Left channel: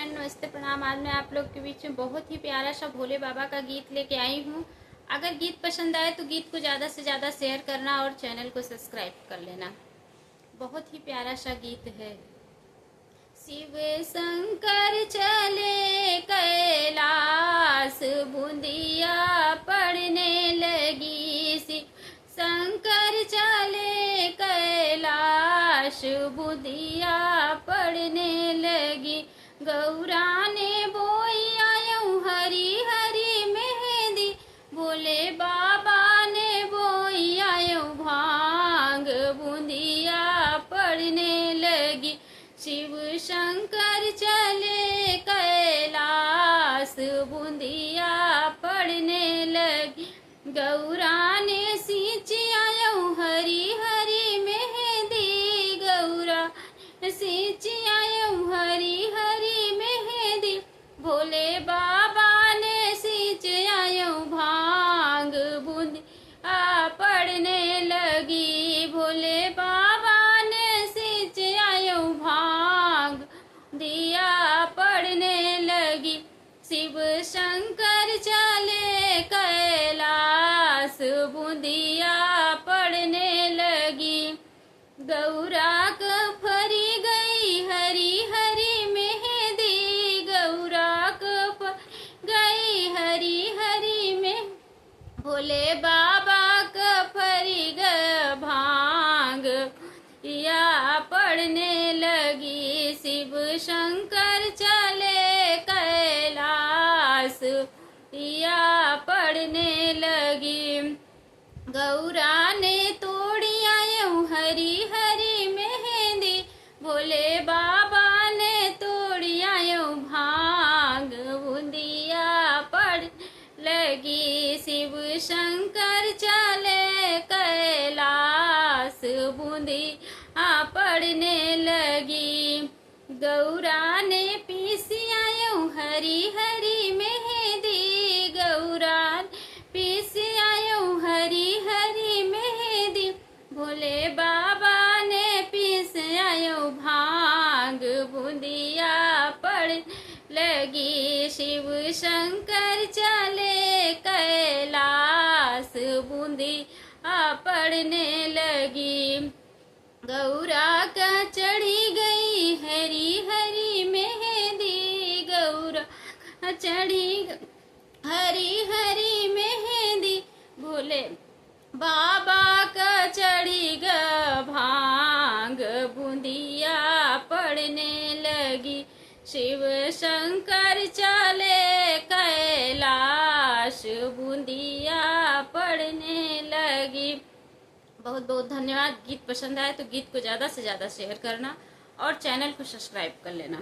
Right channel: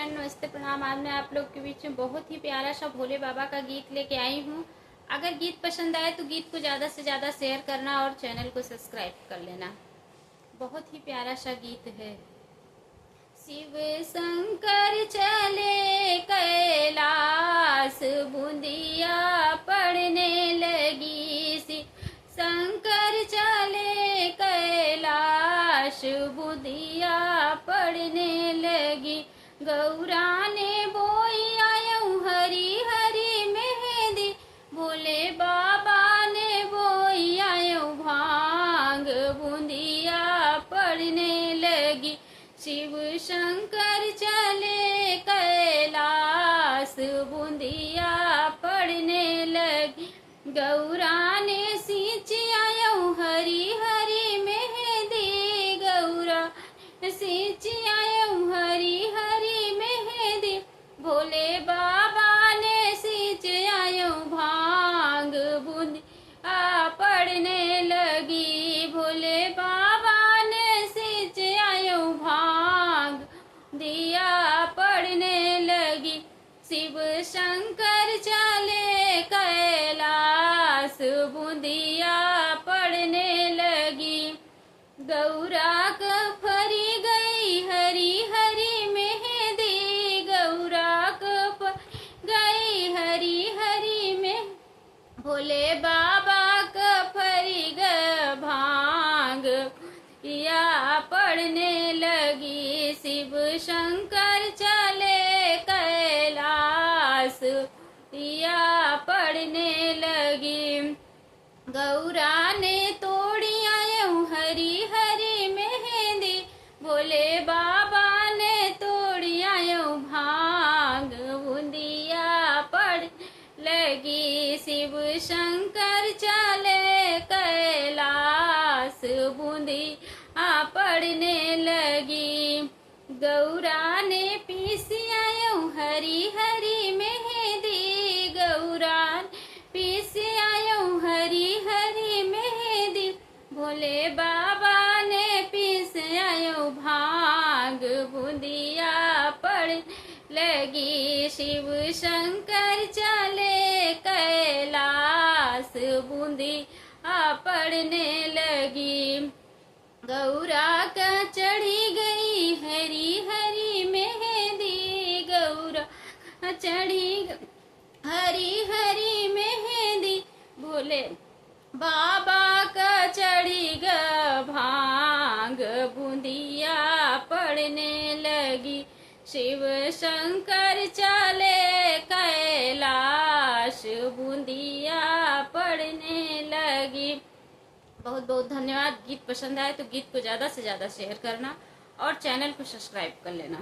Friend, नमस्ते प्रणाम। आज मैं आप लोग के बीच में बहुत ही प्यारा सा भोले बाबा का गीत लेके आई हूँ। अगर गीत पसंद आए तो गीत को ज़्यादा से ज़्यादा शेयर करना और चैनल को सब्सक्राइब कर लेना। बहुत ही प्यारा सा गीत है। शिव शंकर चले कैलाश, बूंदिया पड़ने लगी। शिव शंकर चले कैलाश, बूंदिया पड़ने लगी। गौरा ने बोई आयऊ हरी हरी मेहंदी, भोले बाबा ने बोई आयऊ भांग, बूंदिया पड़ने लगी। शिव शंकर चले कैलाश, बूंदिया पड़ने लगी। गौरा ने सींची आयऊ हरी हरी मेहंदी, गौरा सींची आयऊ हरी हरी मेहंदी, भोले बाबा ने सींच आयऊ भांग, बूंदिया पड़ने लगी। भोले बाबा ने सींच आयऊ भांग, दिया पड़ने लगी। शिव शंकर चले कैलाश, बूंदिया पड़ने लगी। गौरा क फरी गई हरी हरी मेहंदी, गौरा क गई हरी हरी में, भोले बाबा क फरी ग भांग, या पड़ने लगी। शिव शंकर चले कैलाश, या पड़ने लगी। गौरा ने तोड़ी आयऊ हरी हरी मेहंदी, भोले बाबा ने तोड़ी आयऊ भांग, बूंदिया पड़ लगी। शिव शंकर चले कैलाश, बूंदिया पड़ने लगी। गौरा ने पीसी आयऊ हरी हरी मेहंदी, गौरा पीसी आयऊ हरी हरी मेहंदी, भोले बाबा ने पीस आयऊ भांग, बूंदिया पड़ लगी। शिव शंकर चले कैलाश, बूंदिया पड़ने लगी। गौरा का चढ़ी गई हरी हरी मेहंदी, गौरा चढ़ी हरी हरी मेहंदी, भोले बाबा का चढ़ी ग भांग, बूंदिया पड़ने लगी। शिव शंकर चले कैलाश, बूंदिया पड़ने लगी। बहुत बहुत धन्यवाद। गीत पसंद आए तो गीत को ज़्यादा से ज़्यादा शेयर करना और चैनल को सब्सक्राइब कर लेना।